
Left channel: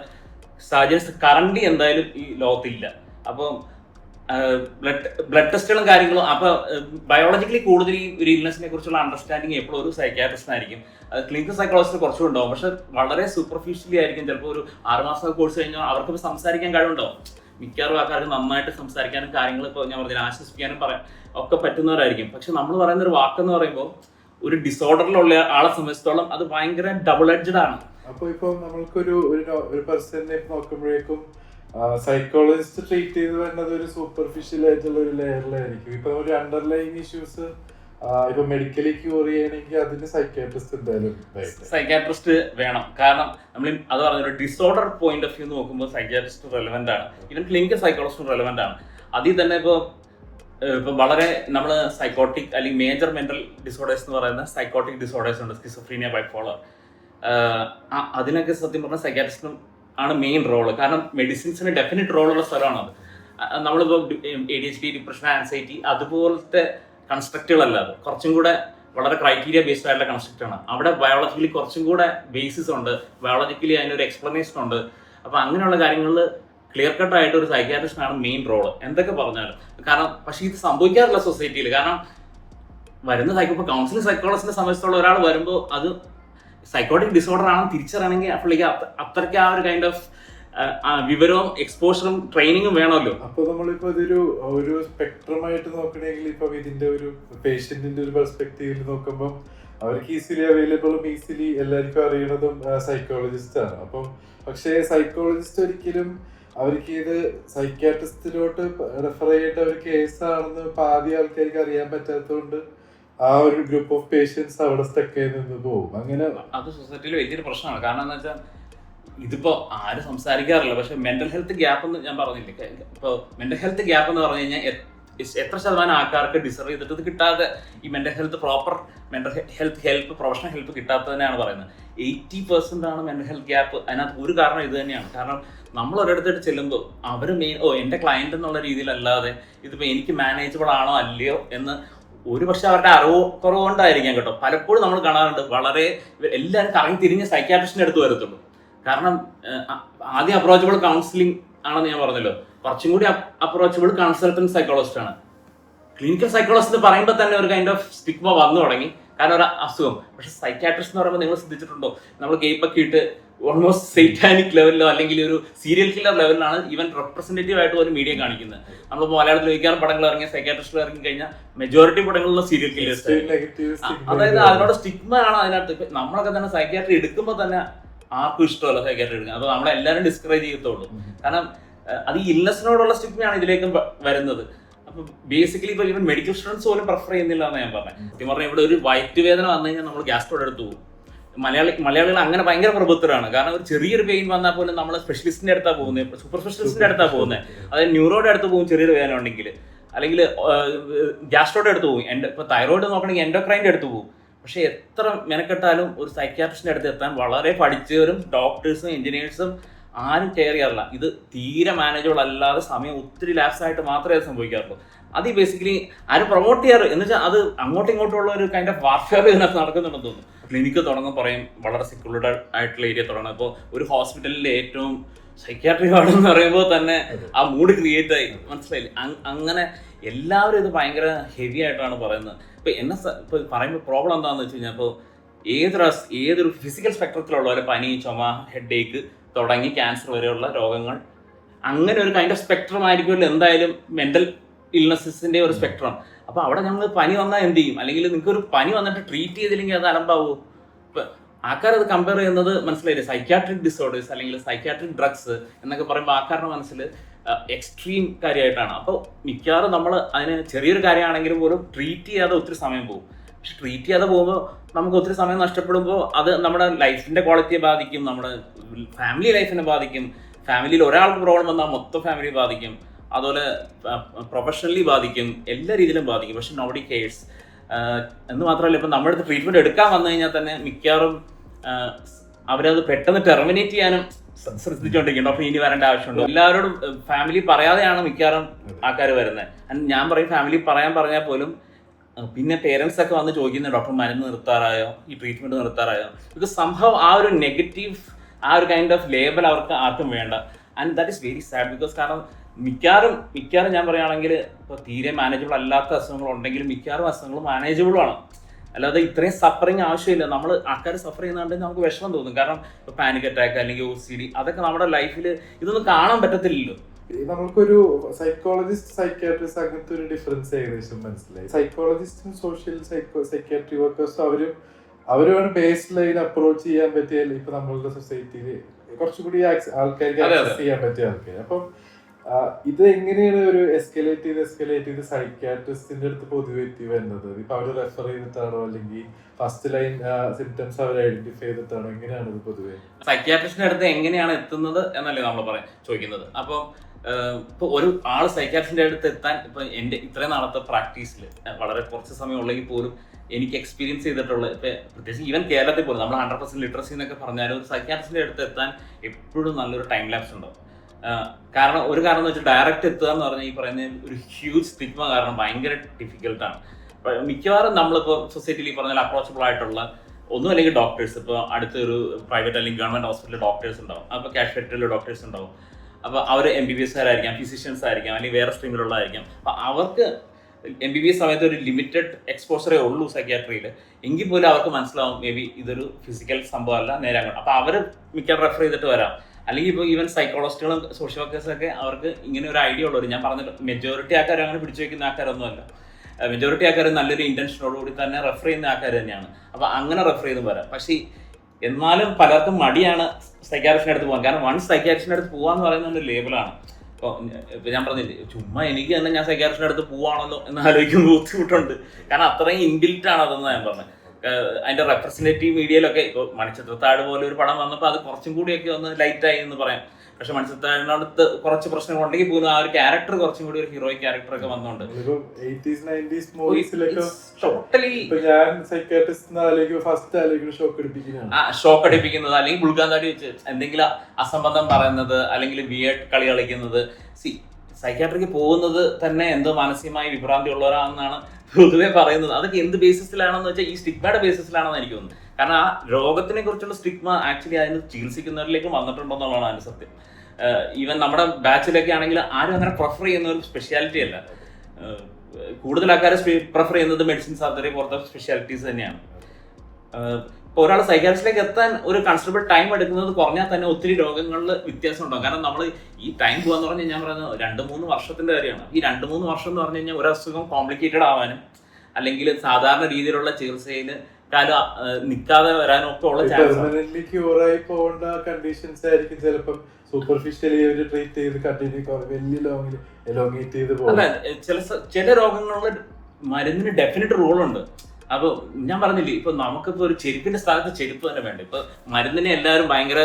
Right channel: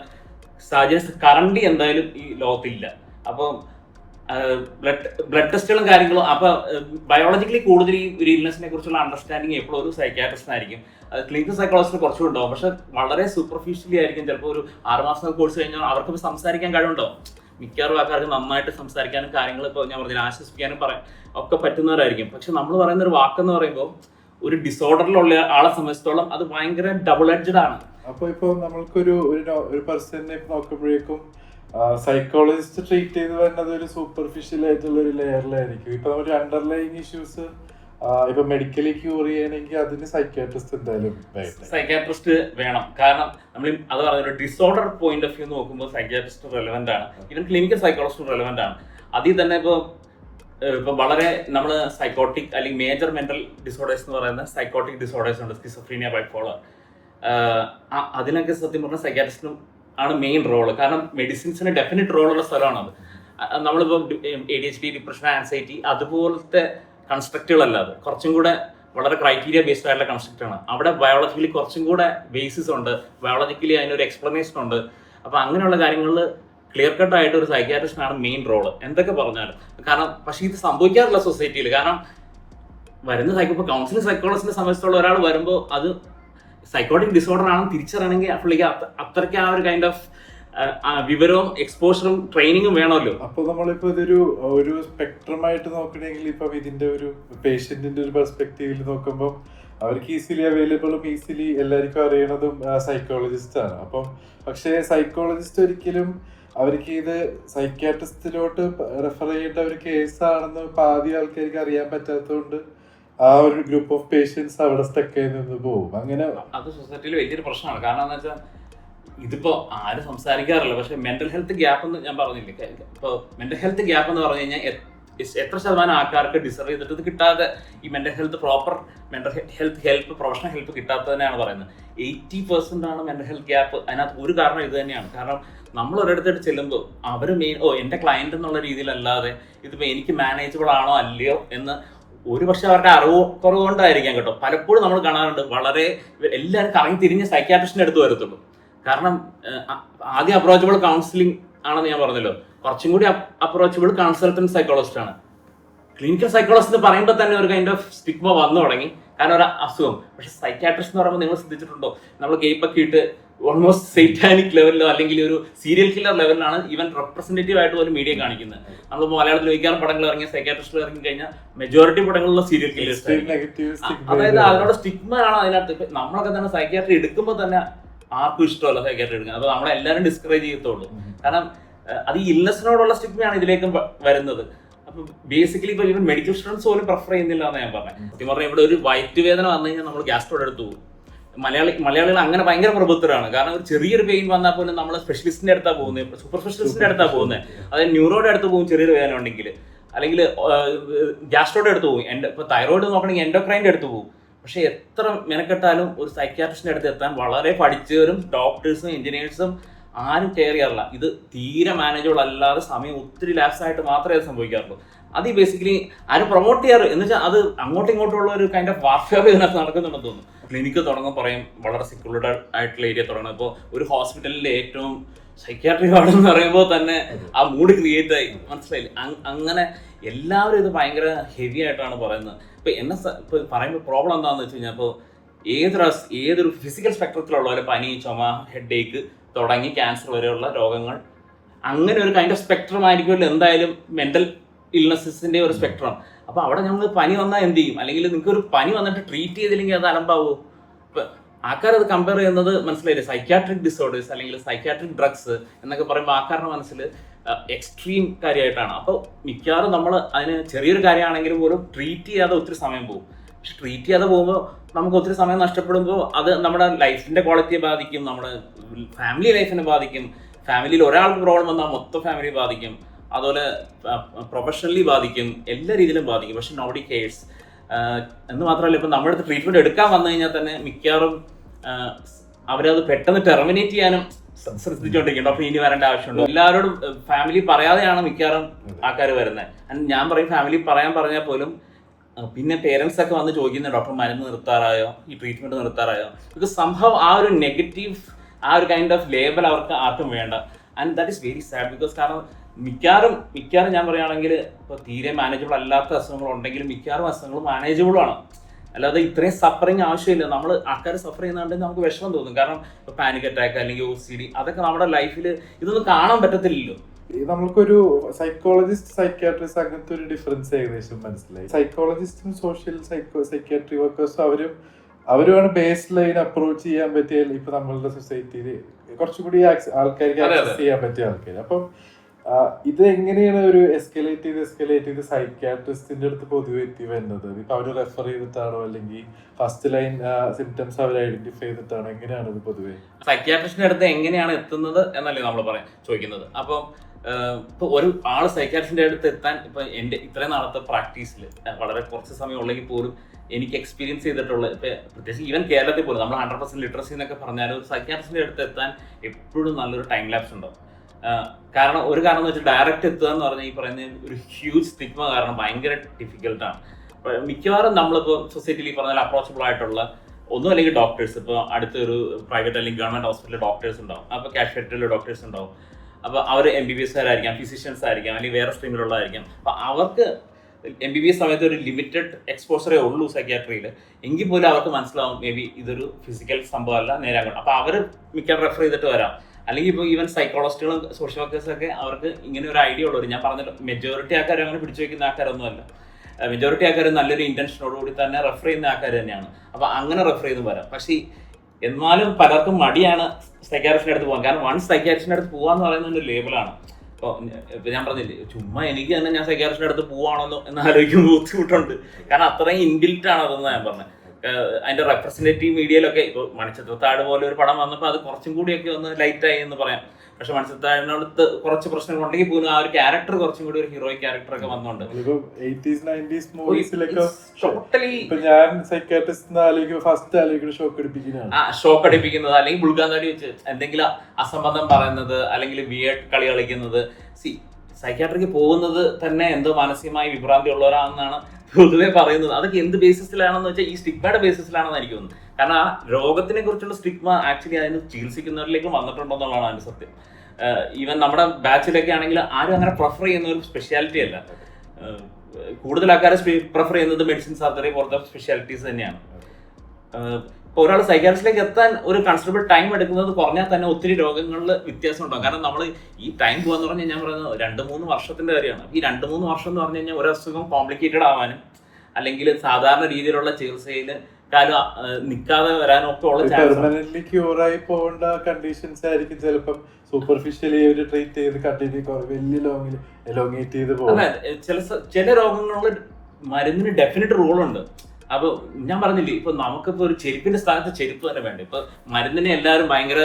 സാഹചര്യം കറന്റ് എന്തായാലും ഈ ലോകത്തില്ല. അപ്പം ബ്ലഡ് ടെസ്റ്റുകളും കാര്യങ്ങളും അപ്പൊ ബയോളജിക്കലി കൂടുതൽ ഈ ഒരു ഇൽനെസിനെ കുറിച്ചുള്ള അണ്ടർസ്റ്റാൻഡിങ് എപ്പോഴും ഒരു സൈക്കാട്രിസ്റ്റിനായിരിക്കും. അത് ക്ലിനിക്കൽ സൈക്കോളജിസ്റ്റിന് കുറച്ചും ഉണ്ടാവും. പക്ഷെ വളരെ സൂപ്പർഫിഷ്യലി ആയിരിക്കും. ചിലപ്പോൾ ഒരു 6 മാസം കോഴ്സ് കഴിഞ്ഞാൽ അവർക്ക് സംസാരിക്കാൻ കഴിവുണ്ടാവും. മിക്കവാറും ആൾക്കാർക്ക് നന്നായിട്ട് സംസാരിക്കാനും കാര്യങ്ങൾ ഇപ്പോൾ ഞാൻ പറഞ്ഞില്ല ആശ്വസിപ്പിക്കാനും ഒക്കെ പറ്റുന്നവരായിരിക്കും. പക്ഷെ നമ്മൾ പറയുന്ന ഒരു വാക്കെന്ന് പറയുമ്പോൾ ഒരു ഡിസോർഡറിലുള്ള ആളെ സംബന്ധിച്ചിടത്തോളം അത് ഭയങ്കര ഡബിൾ എഡ്ജഡ് ആണ്. അപ്പൊ ഇപ്പൊ നമ്മൾക്കൊരു പേഴ്സണിനെ നോക്കുമ്പോഴേക്കും സൈക്കോളജിസ്റ്റ് ട്രീറ്റ് ചെയ്ത് വരുന്നത് ഒരു സൂപ്പർഫിഷ്യൽ ആയിട്ടുള്ള ഒരു ലെയറിലായിരിക്കും. ഇപ്പൊ ഒരു അണ്ടർലൈങ് ഇഷ്യൂസ് ഇപ്പൊ മെഡിക്കലി ക്യൂർ ചെയ്യണമെങ്കിൽ അതിന് സൈക്കാട്രിസ്റ്റ് എന്തായാലും സൈക്കാട്രിസ്റ്റ് വേണം. കാരണം നമ്മൾ അത് പറഞ്ഞ ഒരു ഡിസോർഡർ പോയിന്റ് ഓഫ് വ്യൂ നോക്കുമ്പോൾ സൈക്കാട്രിസ്റ്റ് റെലവെന്റ് ആണ്. ഈവൻ ക്ലിനിക്കൽ സൈക്കോളജിസ്റ്റ് റെലവെന്റ് ആണ്. അതിൽ തന്നെ ഇപ്പൊ വളരെ നമ്മൾ സൈക്കോട്ടിക് അല്ലെങ്കിൽ മേജർ മെന്റൽ ഡിസോർഡേഴ്സ് എന്ന് പറയുന്ന സൈക്കോട്ടിക് ഡിസോർഡേഴ്സ് ഉണ്ട്, സ്കിസോഫ്രീനിയ, ബൈപോളർ. അതിനൊക്കെ സത്യം പറഞ്ഞാൽ സൈക്കാട്രിസ്റ്റിനും ആണ് മെയിൻ റോള്. കാരണം മെഡിസിൻസിന് ഡെഫിനറ്റ് റോളുള്ള സ്ഥലമാണത്. നമ്മളിപ്പോൾ ADHD, ഡിപ്രഷൻ, ആൻസൈറ്റി അതുപോലത്തെ കൺസ്ട്രക്റ്റുകളല്ല. അത് കുറച്ചും കൂടെ വളരെ ക്രൈറ്റീരിയ ബേസ്ഡ് ആയിട്ടുള്ള കൺസ്ട്രക്റ്റ് ആണ്. അവിടെ ബയോളജിക്കലി കുറച്ചും കൂടെ ബേസിസ് ഉണ്ട്, ബയോളജിക്കലി അതിനൊരു എക്സ്പ്ലനേഷൻ ഉണ്ട്. അപ്പൊ അങ്ങനെയുള്ള കാര്യങ്ങളിൽ ക്ലിയർ കട്ട് ആയിട്ട് ഒരു സൈക്കാട്രിസ്റ്റിനാണ് മെയിൻ റോള് എന്തൊക്കെ പറഞ്ഞാലും. കാരണം പക്ഷേ ഇത് സംഭവിക്കാറില്ല സൊസൈറ്റിയിൽ. കാരണം വരുന്ന ഇപ്പോൾ കൗൺസിലിംഗ് സൈക്കോളജിസ്റ്റിനെ സംബന്ധിച്ചുള്ള ഒരാൾ വരുമ്പോൾ അത് സൈക്കോട്ടിക് ഡിസോർഡർ ആണെന്ന് തിരിച്ചറിയണമെങ്കിൽ പുള്ളിക്ക് അത്രയ്ക്ക് ആ ഒരു കൈൻഡ് ഓഫ് വിവരവും എക്സ്പോഷറും ട്രെയിനിങ്ങും വേണമല്ലോ. അപ്പൊ നമ്മളിപ്പോ ഇതൊരു സ്പെക്ട്രം ആയിട്ട് നോക്കണമെങ്കിൽ ഇപ്പൊ ഇതിന്റെ ഒരു പേഷ്യന്റിന്റെ ഒരു പെർസ്പെക്റ്റീവിൽ നോക്കുമ്പോൾ അവർക്ക് ഈസിലി അവൈലബിളും ഈസിലി എല്ലാവർക്കും അറിയണതും സൈക്കോളജിസ്റ്റ് ആണ്. അപ്പം പക്ഷേ സൈക്കോളജിസ്റ്റ് ഒരിക്കലും അവർക്ക് ഇത് സൈക്യാട്രിസ്റ്റിലോട്ട് റെഫർ ചെയ്യേണ്ട ഒരു കേസാണെന്ന് ആദ്യം ആൾക്കാർക്ക് അറിയാൻ പറ്റാത്തതുകൊണ്ട് ആ ഒരു ഗ്രൂപ്പ് ഓഫ് പേഷ്യൻസ് അവിടെ സ്റ്റക്ക് ചെയ്ത് നിന്ന് പോകും. അങ്ങനെ അത് സൊസൈറ്റിയിൽ വലിയൊരു പ്രശ്നമാണ്. കാരണം എന്താ വെച്ചാൽ ഇതിപ്പോ ആരും സംസാരിക്കാറില്ല. പക്ഷെ മെന്റൽ ഹെൽത്ത് ഗ്യാപ്പ് എന്ന് ഞാൻ പറഞ്ഞില്ലേ, ഇപ്പൊ മെന്റൽ ഹെൽത്ത് ഗ്യാപ്പ് എന്ന് പറഞ്ഞു കഴിഞ്ഞാൽ എത്ര ശതമാനം ആൾക്കാർക്ക് ഡിസർവ് ചെയ്തിട്ട് ഇത് കിട്ടാതെ ഈ mental health proper mental health help professional help കിട്ടാത്തതിനാണ് പറയുന്നത്. 80% ആണ് മെന്റൽ ഹെൽത്ത് ഗ്യാപ്പ്. അതിനകത്ത് ഒരു കാരണം ഇത് തന്നെയാണ്. കാരണം നമ്മൾ ഒരിടത്തോട്ട് ചെല്ലുമ്പോൾ അവർ മെയിൻ എൻ്റെ ക്ലയന്റ് എന്നുള്ള രീതിയിലല്ലാതെ ഇതിപ്പോൾ എനിക്ക് മാനേജബിൾ ആണോ അല്ലയോ എന്ന് ഒരു പക്ഷെ അവരുടെ അറിവ് കുറവുകൊണ്ടായിരിക്കാം കേട്ടോ. പലപ്പോഴും നമ്മൾ കാണാറുണ്ട് വളരെ എല്ലാവരും കറങ്ങി തിരിഞ്ഞ് സൈക്യാട്രിസ്റ്റിൻ്റെ അടുത്ത് വരത്തുള്ളൂ. കാരണം ആദ്യം അപ്രോച്ചബിൾ കൗൺസിലിംഗ് ആണെന്ന് ഞാൻ പറഞ്ഞല്ലോ, കുറച്ചും കൂടി അപ്രോച്ചബിൾ കൺസൾട്ടന്റ് സൈക്കോളജിസ്റ്റ് ആണ്. ക്ലിനിക്കൽ സൈക്കോളജിസ്റ്റ് പറയുമ്പോൾ തന്നെ ഒരു കൈൻഡ് ഓഫ് സ്റ്റിഗ്മ വന്നു തുടങ്ങി, കാരണം ഒരു അസുഖം. പക്ഷെ സൈക്യാട്രിസ്റ്റ് എന്ന് പറയുമ്പോൾ നിങ്ങൾ ശ്രദ്ധിച്ചിട്ടുണ്ടോ, നമ്മൾ കേപ്പൊക്കെ ഇട്ട് ഓൾമോസ്റ്റ് സൈറ്റാനിക് ലെവലിലോ അല്ലെങ്കിൽ ഒരു സീരിയൽ കില്ലർ ലെവലിലാണ് ഈവൻ റെപ്രസെന്റേറ്റീവ് ആയിട്ട് പോലും മീഡിയ കാണിക്കുന്നത്. നമ്മൾ മലയാളത്തിൽ മിക്കവാറും പടങ്ങൾ ഇറങ്ങിയ സൈക്യാട്രിസ്റ്റ് ഇറങ്ങി കഴിഞ്ഞാൽ മെജോറിറ്റി പടങ്ങളിലുള്ള സീരിയൽ കില്ലേഴ്സ്. അതായത് അതിനോട് സ്റ്റിഗ്മ ആണ് അതിനകത്ത്. നമ്മളൊക്കെ തന്നെ സൈക്യാട്രി എടുക്കുമ്പോൾ തന്നെ ആർക്കും ഇഷ്ടമല്ല സൈക്കാട്രി എടുക്കാൻ. അപ്പോൾ നമ്മളെല്ലാവരും ഡിസ്കറേജ് ചെയ്യത്തുള്ളൂ. കാരണം അത് ഈ ഇൽനെസ്സിനോടുള്ള സ്റ്റിഗ്മയാണ് ഇതിലേക്കും വരുന്നത്. അപ്പം ബേസിക്കലി ഇപ്പോൾ ഈവൻ മെഡിക്കൽ സ്റ്റുഡൻസ് പോലും പ്രിഫർ ചെയ്യുന്നില്ല എന്ന് ഞാൻ പറഞ്ഞത്. സത്യം പറഞ്ഞാൽ ഇവിടെ ഒരു വയറ്റുവേദന വന്നു കഴിഞ്ഞാൽ നമ്മൾ ഗ്യാസ്ട്രോയുടെ അടുത്ത് പോകും. മലയാളികൾ അങ്ങനെ ഭയങ്കര പ്രബുദ്ധരാണ്. കാരണം ഒരു ചെറിയൊരു പെയിൻ വന്നാൽ പോലും നമ്മൾ സ്പെഷ്യലിസ്റ്റിന്റെ അടുത്താണ് പോകുന്നത്, സൂപ്പർ സ്പെഷ്യലിസ്റ്റിന്റെ അടുത്താണ് പോകുന്നത്. അതായത് ന്യൂറോയുടെ അടുത്ത് പോകും ചെറിയൊരു വേദന ഉണ്ടെങ്കിൽ, അല്ലെങ്കിൽ ഗ്യാസ്ട്രോയുടെ അടുത്ത് പോകും. ഇപ്പോൾ തൈറോയിഡ് നോക്കണമെങ്കിൽ എൻഡോക്രൈൻ്റെ അടുത്ത് പോകും. പക്ഷെ എത്ര മെനക്കെട്ടാലും ഒരു സൈക്യാട്രിസ്റ്റിന്റെ അടുത്ത് എത്താൻ വളരെ പഠിച്ചവരും ഡോക്ടേഴ്സും എഞ്ചിനീയേഴ്സും ആരും കെയർ ചെയ്യാറില്ല. ഇത് തീരെ മാനേജബിൾ അല്ലാതെ സമയം ഒത്തിരി ലാപ്സ് ആയിട്ട് മാത്രമേ അത് സംഭവിക്കാറുള്ളൂ. അത് ബേസിക്കലി ആരും പ്രൊമോട്ട് ചെയ്യാറ് എന്ന് വെച്ചാൽ അത് അങ്ങോട്ടും ഇങ്ങോട്ടുള്ള ഒരു കൈൻഡ് ഓഫ് വാർഫെയർ ഇതിനകത്ത് നടക്കുന്നുണ്ടെന്ന് തോന്നുന്നു. ക്ലിനിക്ക് തുടങ്ങുമ്പോൾ പറയും വളരെ സെക്യൂർഡ് ആയിട്ടുള്ള ഏരിയ തുടങ്ങണം. ഇപ്പോൾ ഒരു ഹോസ്പിറ്റലിലെ ഏറ്റവും സൈക്യാട്രി വാർഡെന്ന് പറയുമ്പോൾ തന്നെ ആ മൂഡ് ക്രിയേറ്റ് ആയി, മനസ്സിലായില്ലേ? അങ്ങനെ എല്ലാവരും ഇത് ഭയങ്കര ഹെവി ആയിട്ടാണ് പറയുന്നത്. ഇപ്പോൾ എന്നെ ഇപ്പോൾ പറയുമ്പോൾ പ്രോബ്ലം എന്താണെന്ന് വെച്ച് കഴിഞ്ഞാൽ, ഇപ്പോൾ ഏതൊരു ഫിസിക്കൽ സ്പെക്ട്രത്തിലുള്ള പനി, ചുമ, ഹെഡ് ഏക്ക് തുടങ്ങി ക്യാൻസർ വരെയുള്ള രോഗങ്ങൾ, അങ്ങനെ ഒരു കൈൻഡ് ഓഫ് സ്പെക്ട്രം ആയിരിക്കുമല്ലോ എന്തായാലും മെൻ്റൽ ഇൽനെസ്സിൻ്റെ ഒരു സ്പെക്ട്രം. അപ്പോൾ അവിടെ ഞങ്ങൾ പനി വന്നാൽ എന്ത് ചെയ്യും? അല്ലെങ്കിൽ നിങ്ങൾക്ക് ഒരു പനി വന്നിട്ട് ട്രീറ്റ് ചെയ്തില്ലെങ്കിൽ അത് അലമ്പാവോ? ഇപ്പം ആൾക്കാരത് കമ്പയർ ചെയ്യുന്നത് മനസ്സിലായില്ലേ, സൈക്യാട്രിക് ഡിസോർഡേഴ്സ് അല്ലെങ്കിൽ സൈക്യാട്രിക് ഡ്രഗ്സ് എന്നൊക്കെ പറയുമ്പോൾ ആൾക്കാരുടെ മനസ്സിൽ എക്സ്ട്രീം കാര്യമായിട്ടാണ്. അപ്പോൾ മിക്കവാറും നമ്മൾ അതിന് ചെറിയൊരു കാര്യമാണെങ്കിലും പോലും ട്രീറ്റ് ചെയ്യാതെ ഒത്തിരി സമയം പോകും. പക്ഷെ ട്രീറ്റ് ചെയ്യാതെ പോകുമ്പോൾ നമുക്ക് ഒത്തിരി സമയം നഷ്ടപ്പെടുമ്പോൾ അത് നമ്മുടെ ലൈഫിൻ്റെ ക്വാളിറ്റിയെ ബാധിക്കും, നമ്മുടെ ഫാമിലി ലൈഫിനെ ബാധിക്കും. ഫാമിലിയിൽ ഒരാൾക്ക് പ്രോബ്ലം വന്നാൽ മൊത്തം ഫാമിലി ബാധിക്കും, അതുപോലെ പ്രൊഫഷണലി ബാധിക്കും, എല്ലാ രീതിയിലും ബാധിക്കും. പക്ഷെ നോബഡി കെയർസ് എന്ന് മാത്രമല്ല, ഇപ്പം നമ്മുടെ അടുത്ത് ട്രീറ്റ്മെൻറ്റ് എടുക്കാൻ വന്നു കഴിഞ്ഞാൽ തന്നെ മിക്കവാറും അവരത് പെട്ടെന്ന് ടെർമിനേറ്റ് ചെയ്യാനും ശ്രദ്ധിച്ചുകൊണ്ടിരിക്കും. ഡോക്ടർ ഇനി വരേണ്ട ആവശ്യമുണ്ടോ? എല്ലാവരോടും ഫാമിലി പറയാതെയാണ് മിക്കവാറും ആൾക്കാർ വരുന്നത്. ഞാൻ പറയും ഫാമിലി പറഞ്ഞാൽ പോലും പിന്നെ പേരൻസ് ഒക്കെ വന്ന് ചോദിക്കുന്നത് ഡോക്ടർ മരുന്ന് നിർത്താറായോ, ഈ ട്രീറ്റ്മെൻറ്റ് നിർത്താറായോ? ബിക്കോസ് സംഭവം ആ ഒരു നെഗറ്റീവ്, ആ ഒരു കൈൻഡ് ഓഫ് ലേബൽ അവർക്ക് ആർക്കും വേണ്ട. And that is very sad. Because കാരണം മിക്കവാറും ഞാൻ പറയുകയാണെങ്കിൽ ഇപ്പോൾ തീരെ മാനേജബിൾ അല്ലാത്ത അസുഖങ്ങൾ ഉണ്ടെങ്കിലും മിക്കവാറും അസുഖങ്ങൾ മാനേജബിളാണ്. അല്ലാതെ ഇത്രയും സഫറിങ് ആവശ്യമില്ല. നമ്മൾ ആൾക്കാർ സഫർ ചെയ്യുന്നുണ്ടെങ്കിൽ നമുക്ക് വിഷമം തോന്നും. കാരണം ഇപ്പോൾ പാനിക് അറ്റാക്ക് അല്ലെങ്കിൽ OCD അതൊക്കെ നമ്മുടെ ലൈഫിൽ ഇതൊന്നും കാണാൻ പറ്റത്തില്ലല്ലോ. നമുക്കൊരു സൈക്കോളജിസ്റ്റ്, സൈക്യാട്രിസ്റ്റ് അങ്ങനത്തെ ഒരു ഡിഫറൻസ് ഏകദേശം മനസ്സിലായി. സൈക്കോളജിസ്റ്റും സോഷ്യൽ സൈക്യാട്രി വർക്കേഴ്സും അവരുമാണ് ബേസ് ലൈൻ അപ്രോച്ച് ചെയ്യാൻ പറ്റിയ ഇപ്പൊ നമ്മളുടെ സൊസൈറ്റിയിൽ കുറച്ചുകൂടി ആൾക്കാർക്ക് ആക്സസ് ചെയ്യാൻ പറ്റിയ ആൾക്കാർ. അപ്പം ഇത് എങ്ങനെയാണ് ഒരു എസ്കലേറ്റ് ചെയ്ത് സൈക്യാട്രിസ്റ്റിന്റെ അടുത്ത് പൊതുവെ എത്തി വരുന്നത്? ഇപ്പൊ അവര് റെഫർ ചെയ്തിട്ടാണോ അല്ലെങ്കിൽ ഫസ്റ്റ് ലൈൻ സിംറ്റംസ് അവർ ഐഡന്റിഫൈ ചെയ്തിട്ടാണോ? എങ്ങനെയാണ് ഇത് പൊതുവെ സൈക്യാട്രിസ്റ്റിന്റെ അടുത്ത് എങ്ങനെയാണ് എത്തുന്നത് എന്നല്ലേ നമ്മൾ ചോദിക്കുന്നത്. അപ്പം ഇപ്പോൾ ഒരു ആൾ സൈക്യാട്രിസ്റ്റിന്റെ അടുത്ത് എത്താൻ ഇപ്പം എൻ്റെ ഇത്രയും നാളത്തെ പ്രാക്ടീസിൽ വളരെ കുറച്ച് സമയം ഉള്ളെങ്കിൽ പോലും എനിക്ക് എക്സ്പീരിയൻസ് ചെയ്തിട്ടുള്ള ഇപ്പം പ്രത്യേകിച്ച് ഈവൻ കേരളത്തിൽ പോലും നമ്മൾ 100% ലിറ്ററസി എന്നൊക്കെ പറഞ്ഞാൽ ഒരു സൈക്യാട്രിസ്റ്റിന്റെ അടുത്ത് എത്താൻ എപ്പോഴും നല്ലൊരു ടൈം ലാപ്സ് ഉണ്ടാവും. ഒരു കാരണം എന്ന് വെച്ചാൽ ഡയറക്റ്റ് എത്തുക എന്ന് പറഞ്ഞാൽ ഈ പറയുന്ന ഒരു ഹ്യൂജ് സ്റ്റിഗ്മ കാരണം ഭയങ്കര ഡിഫിക്കൽട്ടാണ്. മിക്കവാറും നമ്മളിപ്പോൾ സൊസൈറ്റിയിൽ ഈ പറഞ്ഞാൽ അപ്രോച്ചബിൾ ആയിട്ടുള്ള ഒന്നും അല്ലെങ്കിൽ ഡോക്ടേഴ്സ്, ഇപ്പോൾ അടുത്തൊരു പ്രൈവറ്റ് അല്ലെങ്കിൽ ഗവൺമെൻറ് ഹോസ്പിറ്റലിൽ ഡോക്ടേഴ്സ് ഉണ്ടാവും, അപ്പോൾ ക്യാഷ് ഫാക്ടറിയിൽ ഡോക്ടേഴ്സ് ഉണ്ടാവും. അപ്പോൾ അവർ MBBS ആയിരിക്കാം, ഫിസിഷ്യൻസ് ആയിരിക്കാം, അല്ലെങ്കിൽ വേറെ സ്ട്രീമിലുള്ളതായിരിക്കാം. അപ്പോൾ അവർക്ക് MBBS സമയത്ത് ഒരു ലിമിറ്റഡ് എക്സ്പോഷറേ ഉള്ളൂ സൈക്യാട്രിയിൽ. എങ്കിൽ പോലും അവർക്ക് മനസ്സിലാവും മേ ബി ഇതൊരു ഫിസിക്കൽ സംഭവമല്ല, നേരെ അങ്ങോട്ട്. അപ്പോൾ അവർ മിക്കവാറും റെഫർ ചെയ്തിട്ട് വരാം. അല്ലെങ്കിൽ ഇപ്പോൾ ഈവൻ സൈക്കോളജിസ്റ്റുകളും സോഷ്യൽ വർക്കേഴ്സൊക്കെ അവർക്ക് ഇങ്ങനെ ഒരു ഐഡിയ ഉള്ളവർ, ഞാൻ പറഞ്ഞിട്ട് മെജോറിറ്റി ആൾക്കാർ അങ്ങനെ പിടിച്ചു വയ്ക്കുന്ന ആൾക്കാരൊന്നുമല്ല. മെജോറിറ്റി ആൾക്കാർ നല്ലൊരു ഇൻറ്റൻഷനോടുകൂടി തന്നെ റെഫർ ചെയ്യുന്ന ആൾക്കാർ തന്നെയാണ്. അപ്പോൾ അങ്ങനെ റെഫർ ചെയ്തും വരാം. പക്ഷേ എന്നാലും പലർക്കും മടിയാണ് സൈക്യാട്രിസ്റ്റിൻ്റെ അടുത്ത് പോകാൻ. കാരണം വൺസ് സൈക്യാട്രിസ്റ്റിൻ്റെ അടുത്ത് പോകാന്ന് പറയുന്നത് ഒരു ലേബലാണ്. ഇപ്പോൾ ഞാൻ പറഞ്ഞില്ലേ, ചുമ്മാ എനിക്ക് തന്നെ ഞാൻ സൈക്യാട്രിസ്റ്റിൻ്റെ അടുത്ത് പോവാണല്ലോ എന്ന് ആലോചിക്കുമ്പോൾ ബുദ്ധിമുട്ടുണ്ട്. കാരണം അത്രയും ഇൻബിൽറ്റാണ് അതെന്ന് ഞാൻ പറഞ്ഞത്. അതിൻ്റെ റെപ്രസെൻറ്റേറ്റീവ് മീഡിയയിലൊക്കെ ഇപ്പോൾ മണിച്ചിത്രത്താഴ് പോലെ ഒരു പടം വന്നപ്പോൾ അത് കുറച്ചും കൂടിയൊക്കെ ഒന്ന് ലൈറ്റായി എന്ന് പറയാം. പക്ഷെ മണിച്ചിത്രത്താഴിനടുത്ത് കുറച്ച് പ്രശ്നങ്ങൾ ഉണ്ടെങ്കിൽ പോലും ആ ഒരു ക്യാരക്ടർ കുറച്ചും കൂടി ഒരു ഹീറോയിക് ക്യാരക്ടറൊക്കെ വന്നുകൊണ്ട് ഷോക്ക് അടിപ്പിക്കുന്നത് അല്ലെങ്കിൽ ബുൾഗാന്താടി വെച്ച് എന്തെങ്കിലും അസംബന്ധം പറയുന്നത് അല്ലെങ്കിൽ വിയേർഡ് കളി കളിക്കുന്നത്. സൈക്യാട്രിക്ക് പോകുന്നത് തന്നെ എന്തോ മാനസികമായി വിഭ്രാന്തി ഉള്ളവരാണെന്നാണ് പൊതുവെ പറയുന്നത്. അതൊക്കെ എന്ത് ബേസിസിലാണെന്ന് വെച്ചാൽ ഈ സ്റ്റിഗ്മയുടെ ബേസിസിലാണെന്ന് എനിക്ക് തോന്നുന്നു. കാരണം ആ രോഗത്തിനെ കുറിച്ചുള്ള സ്റ്റിഗ്മ ആക്ച്വലി അതിന് ചികിത്സിക്കുന്നവരിലേക്ക് വന്നിട്ടുണ്ടോ എന്നുള്ളതാണ് അതിൻ്റെ സത്യം. ഈവൻ നമ്മുടെ ബാച്ചിലൊക്കെ ആണെങ്കിൽ ആരും അങ്ങനെ പ്രിഫർ ചെയ്യുന്ന ഒരു സ്പെഷ്യാലിറ്റി അല്ല. കൂടുതൽ ആൾക്കാരെ പ്രിഫർ ചെയ്യുന്നത് മെഡിസിൻ, സർജറി പോലത്തെ സ്പെഷ്യാലിറ്റീസ് തന്നെയാണ്. ഇപ്പോൾ ഒരാൾ സൈക്യാട്രിസ്റ്റിലേക്ക് എത്താൻ ഒരു കൺസിഡറബിൾ ടൈം എടുക്കുന്നത് കുറഞ്ഞാൽ തന്നെ ഒത്തിരി രോഗങ്ങളിൽ വ്യത്യാസം ഉണ്ടാകും. കാരണം നമ്മൾ ഈ ടൈം പോകാന്ന് പറഞ്ഞാൽ ഞാൻ പറയുന്നത് 2-3 വർഷത്തിൻ്റെ കാര്യമാണ്. ഈ 2-3 വർഷം എന്ന് പറഞ്ഞു കഴിഞ്ഞാൽ ഒരു അസുഖം കോംപ്ലിക്കേറ്റഡ് ആവാനും അല്ലെങ്കിൽ സാധാരണ രീതിയിലുള്ള ചികിത്സയിൽ കാലം നിൽക്കാതെ വരാനും ഒക്കെ ഉള്ള ചാൻസ് ആണ്. പെർമനന്റ്ലി ക്യൂർ ആയി പോകേണ്ട കണ്ടീഷൻസ് ആയിരിക്കും ചിലപ്പം സൂപ്പർഫിഷ്യലി ഒരു ട്രീറ്റ് ചെയ്ത് കണ്ടിന്യൂ വലിയ ലോങ്ങിൽ എലോങ്ങേറ്റ് ചെയ്ത് പോകും. അല്ല, ചില രോഗങ്ങളിൽ മരുന്നിന് ഡെഫിനറ്റ് റൂളുണ്ട്. അപ്പൊ ഞാൻ പറഞ്ഞില്ലേ, ഇപ്പൊ നമുക്കിപ്പോ ഒരു ചെരുപ്പിന്റെ സ്ഥാനത്ത് ചെരുപ്പ് തന്നെ വേണ്ട. ഇപ്പൊ മരുന്നിനെ എല്ലാവരും ഭയങ്കര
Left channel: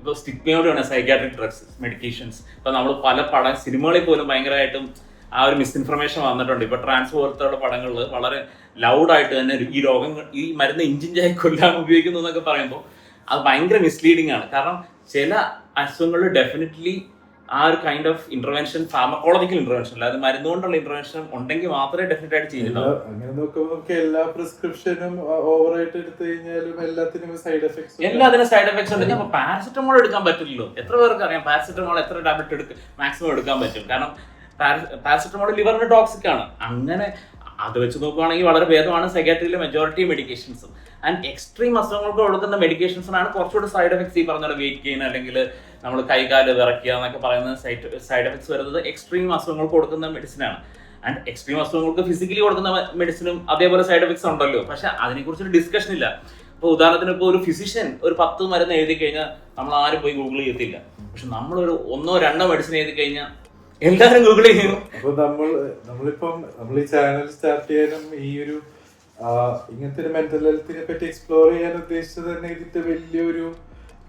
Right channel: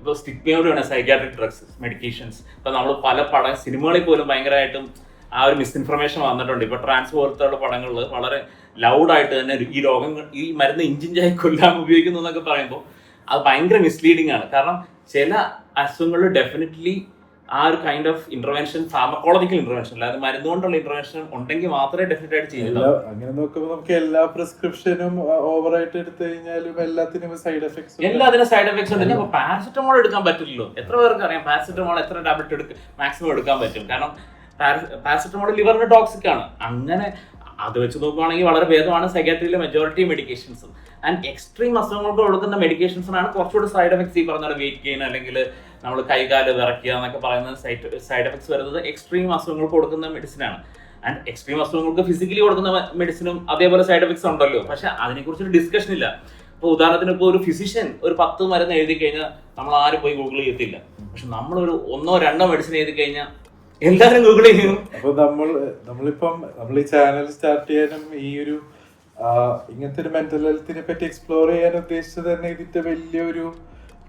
ഇപ്പൊ സ്റ്റിഗ്മയോടെയാണ് സൈക്യാട്രിക് ഡ്രഗ്സ് മെഡിക്കേഷൻസ്. ഇപ്പൊ നമ്മൾ പല സിനിമകളിൽ പോലും ഭയങ്കരമായിട്ടും ആ ഒരു മിസ്ഇൻഫർമേഷൻ വന്നിട്ടുണ്ട്. ഇപ്പൊ ട്രാൻസ് പോലത്തുള്ള പടങ്ങളിൽ വളരെ ലൗഡായിട്ട് തന്നെ ഈ രോഗങ്ങൾ ഈ മരുന്ന് ഇഞ്ചിഞ്ചായി കൊല്ലാൻ ഉപയോഗിക്കുന്നു എന്നൊക്കെ പറയുമ്പോൾ അത് ഭയങ്കര മിസ്ലീഡിങ് ആണ്. കാരണം ചില അസുഖങ്ങളിൽ ഡെഫിനറ്റ്ലി ആ ഒരു kind of intervention, pharmacological intervention, അല്ലാതെ മരുന്നുകൊണ്ടുള്ള ഇന്റർവെൻഷൻ ഉണ്ടെങ്കിൽ മാത്രമേ ഡെഫിനറ്റ് ആയിട്ട് ചെയ്യുന്നുള്ളൂ. അങ്ങനെ നോക്കുമ്പോൾ നമുക്ക് എല്ലാ പ്രിസ്ക്രിപ്ഷനും ഓവറായിട്ട് എടുത്തു കഴിഞ്ഞാലും എല്ലാത്തിനും സൈഡ് എഫക്ട്സ് സൈഡ് എഫക്ട്സ് ഉണ്ട്. ഞാൻ പാരസെറ്റമോൾ എടുക്കാൻ പറ്റില്ലല്ലോ. എത്ര പേർക്ക് അറിയാം പാരസെറ്റമോൾ എത്ര ടാബ്ലറ്റ് മാക്സിമം എടുക്കാൻ പറ്റും? കാരണം പാരസെറ്റമോൾ ലിവറിന് ടോക്സിക് ആണ്. അങ്ങനെ അത് വെച്ച് നോക്കുകയാണെങ്കിൽ വളരെ ഭേദമാണ് സൈക്കാട്രിയിലെ മെജോറിറ്റി മെഡിക്കേഷൻസും. ആൻഡ് എക്സ്ട്രീം അസുഖങ്ങൾക്ക് കൊടുക്കുന്ന മെഡിക്കേഷൻസിനാണ് കുറച്ചുകൂടി സൈഡ് എഫക്ട്സ്. ഈ പറഞ്ഞ വെയിറ്റ് ഗെയിൻ അല്ലെങ്കിൽ നമ്മൾ കൈകാല് വിറയ്ക്കുക എന്നൊക്കെ പറയുന്ന സൈഡ് എഫക്ട്സ് വരുന്നത് എക്സ്ട്രീം അസുഖങ്ങൾക്ക് കൊടുക്കുന്ന മെഡിസിനാണ്. ആൻഡ് എക്സ്ട്രീം അസുഖങ്ങൾക്ക് ഫിസിക്കലി കൊടുക്കുന്ന മെഡിസിനും അതേപോലെ സൈഡ് എഫക്ട്സ് ഉണ്ടല്ലോ. പക്ഷെ അതിനെക്കുറിച്ചൊരു ഡിസ്കഷൻ ഇല്ല. ഇപ്പോൾ ഉദാഹരണത്തിന് ഇപ്പോൾ ഒരു ഫിസിഷ്യൻ ഒരു 10 മരുന്ന് എഴുതി കഴിഞ്ഞാൽ നമ്മൾ ആരും പോയി ഗൂഗിൾ ചെയ്യത്തില്ല. പക്ഷെ നമ്മളൊരു 1-2 മെഡിസിൻ എഴുതി കഴിഞ്ഞാൽ എല്ലാവരും ഗൂഗിൾ ചെയ്യും. അപ്പൊ നമ്മൾ ഈ ചാനൽ സ്റ്റാർട്ട് ചെയ്യാനും ഈ ഒരു ഇങ്ങനത്തെ ഒരു മെന്റൽ ഹെൽത്തിനെ പറ്റി എക്സ്പ്ലോർ ചെയ്യാൻ ഉദ്ദേശിച്ചത് തന്നെ ഇതിന്റെ വലിയൊരു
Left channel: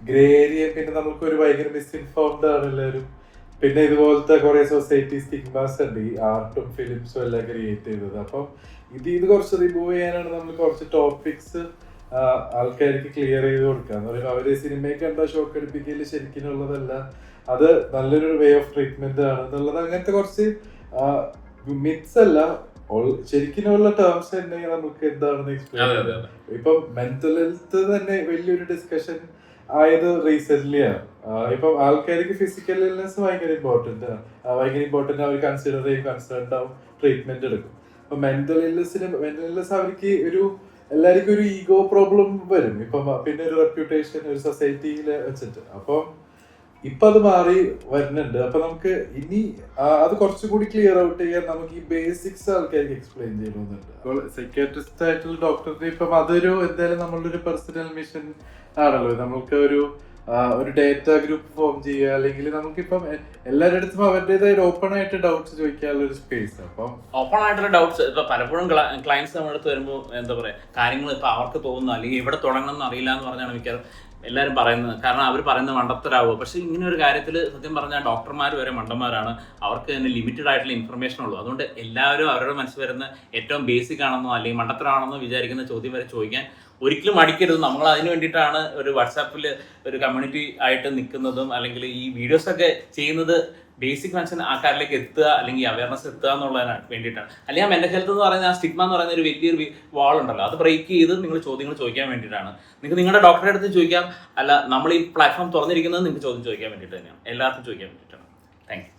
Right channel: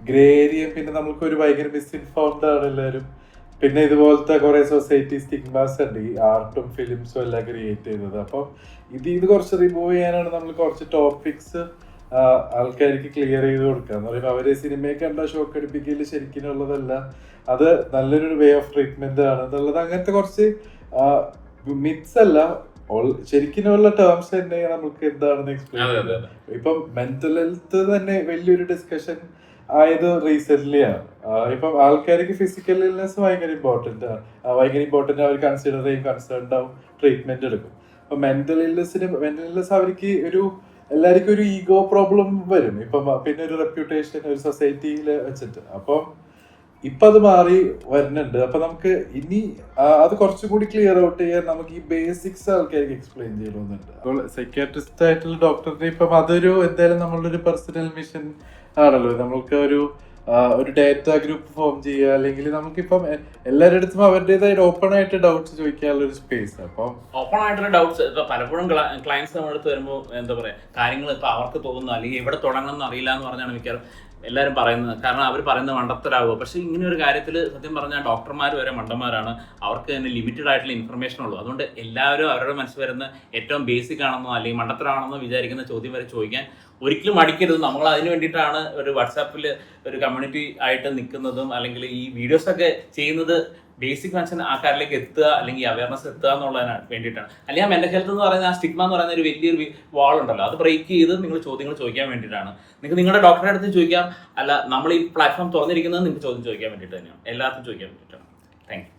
ഗ്രേ ഏരിയ. പിന്നെ നമുക്കൊരു ഭയങ്കര മിസ്ഇൻഫോംഡ് ആണ് എല്ലാവരും. പിന്നെ ഇതുപോലത്തെ കുറെ സൊസൈറ്റി സ്റ്റിഗ്മാസ് ഉണ്ട് ഈ ആർട്ടും ഫിലിംസും എല്ലാം ക്രിയേറ്റ് ചെയ്തത്. അപ്പൊ ഇത് കുറച്ച് റിമൂവ് ചെയ്യാനാണ് നമ്മൾ കുറച്ച് ടോപ്പിക്സ് ആൾക്കാർക്ക് ക്ലിയർ ചെയ്ത് കൊടുക്കുക എന്ന് പറയുമ്പോൾ അവര് സിനിമയെ കണ്ട ഷോക്ക് അടിപ്പിക്കല് ശരിക്കുള്ളതല്ല, അത് നല്ലൊരു വേ ഓഫ് ട്രീറ്റ്മെന്റ് ആണ് എന്നുള്ളത്. അങ്ങനത്തെ കുറച്ച് മിത്സ് അല്ല, ശരിക്കുള്ള ടേംസ് തന്നെ നമുക്ക് എന്താണെന്ന് എക്സ്പ്ലെയിൻ. ഇപ്പൊ മെന്റൽ ഹെൽത്ത് തന്നെ വലിയൊരു ഡിസ്കഷൻ ആയത് റീസെന്റ് ആണ്. ഇപ്പൊ ആൾക്കാർക്ക് ഫിസിക്കൽ ഇൽനെസ് ഭയങ്കര ഇമ്പോർട്ടന്റ് ആണ്, അവർ കൺസിഡർ ചെയ്യും, കൺസേൺഡ് ആവും, ട്രീറ്റ്മെന്റ് എടുക്കും. അപ്പൊ മെന്റൽ ഇൽനെസ് അവർക്ക് എല്ലാവർക്കും ഒരു ഈഗോ പ്രോബ്ലം വരും. ഇപ്പം പിന്നെ ഒരു റെപ്യൂട്ടേഷൻ ഒരു സൊസൈറ്റിയിൽ വെച്ചിട്ട്. അപ്പം ഇപ്പൊ അത് മാറി വരുന്നുണ്ട്. അപ്പൊ നമുക്ക് ഇനി അത് കുറച്ചുകൂടി ക്ലിയർ ഔട്ട് ചെയ്യാൻ നമുക്ക് ഈ ബേസിക്സ് ആൾക്കാർക്ക് എക്സ്പ്ലെയിൻ ചെയ്യണമെന്നുണ്ട്. അപ്പോൾ സൈക്യാട്രിസ്റ്റ് ആയിട്ടുള്ള ഡോക്ടറിന് ഇപ്പം അതൊരു എന്തായാലും നമ്മളുടെ പേഴ്സണൽ മിഷൻ ആണല്ലോ. നമുക്ക് ഒരു ഡേറ്റ ഗ്രൂപ്പ് ഫോം ചെയ്യുക, അല്ലെങ്കിൽ നമുക്കിപ്പം എല്ലാവരുടെ അടുത്തും അവരുടേതായ ഓപ്പൺ ആയിട്ട് ഡൗട്ട്സ് ചോദിക്കാനുള്ള ഒരു സ്പേസ്. അപ്പം ഓപ്പൺ ആയിട്ടുള്ള ഡൗട്ട്സ് ഇപ്പൊ പലപ്പോഴും ക്ലയൻസ് നമ്മുടെ അടുത്ത് വരുമ്പോൾ എന്താ പറയാ, കാര്യങ്ങൾ ഇപ്പൊ അവർക്ക് തോന്നുന്നു അല്ലെങ്കിൽ എവിടെ തുടങ്ങണം എന്ന് അറിയില്ല എന്ന് പറഞ്ഞാണ് മിക്കവാറും എല്ലാവരും പറയുന്നത്. കാരണം അവർ പറയുന്നത് മണ്ടത്തരാവുക. പക്ഷെ ഇങ്ങനെ ഒരു കാര്യത്തിൽ സത്യം പറഞ്ഞാൽ ഡോക്ടർമാർ വരെ മണ്ടന്മാരാണ്. അവർക്ക് തന്നെ ലിമിറ്റഡ് ആയിട്ടുള്ള ഇൻഫർമേഷൻ ഉള്ളൂ. അതുകൊണ്ട് എല്ലാവരും അവരുടെ മനസ്സിൽ വരുന്ന ഏറ്റവും ബേസിക് ആണെന്നോ അല്ലെങ്കിൽ മണ്ടത്തരാണെന്നോ വിചാരിക്കുന്ന ചോദ്യം വരെ ചോദിക്കാൻ ഒരിക്കലും മടിക്കരുത്. നമ്മൾ അതിന് വേണ്ടിയിട്ടാണ് ഒരു വാട്സാപ്പിൽ ഒരു കമ്മ്യൂണിറ്റി ആയിട്ട് നിൽക്കുന്നതും അല്ലെങ്കിൽ ഈ വീഡിയോസൊക്കെ ചെയ്യുന്നത്. ബേസിക് മനസ്സിന് ആൾക്കാരിലേക്ക് എത്തുക അല്ലെങ്കിൽ അവയർനെസ് എത്തുക എന്നുള്ളതിന് വേണ്ടിയിട്ടാണ്. അല്ലെങ്കിൽ ആ മെന്റൽ ഹെൽത്ത് എന്ന് പറയുന്ന ആ സ്റ്റിഗ്മ എന്ന് പറയുന്ന ഒരു വലിയൊരു വാൾ ഉണ്ടല്ലോ, അത് ബ്രേക്ക് ചെയ്ത് നിങ്ങൾ ചോദ്യങ്ങൾ ചോദിക്കാൻ വേണ്ടിയിട്ടാണ്. നിങ്ങൾക്ക് നിങ്ങളുടെ ഡോക്ടറുടെ അടുത്ത് ചോദിക്കാം. അല്ല, നമ്മൾ ഈ പ്ലാറ്റ്ഫോം തുറന്നിരിക്കുന്നത് നിങ്ങൾക്ക് ചോദ്യം ചോദിക്കാൻ വേണ്ടിയിട്ട് തന്നെയാണ്, എല്ലാവർക്കും ചോദിക്കാൻ വേണ്ടിയിട്ടാണ്. Thank you.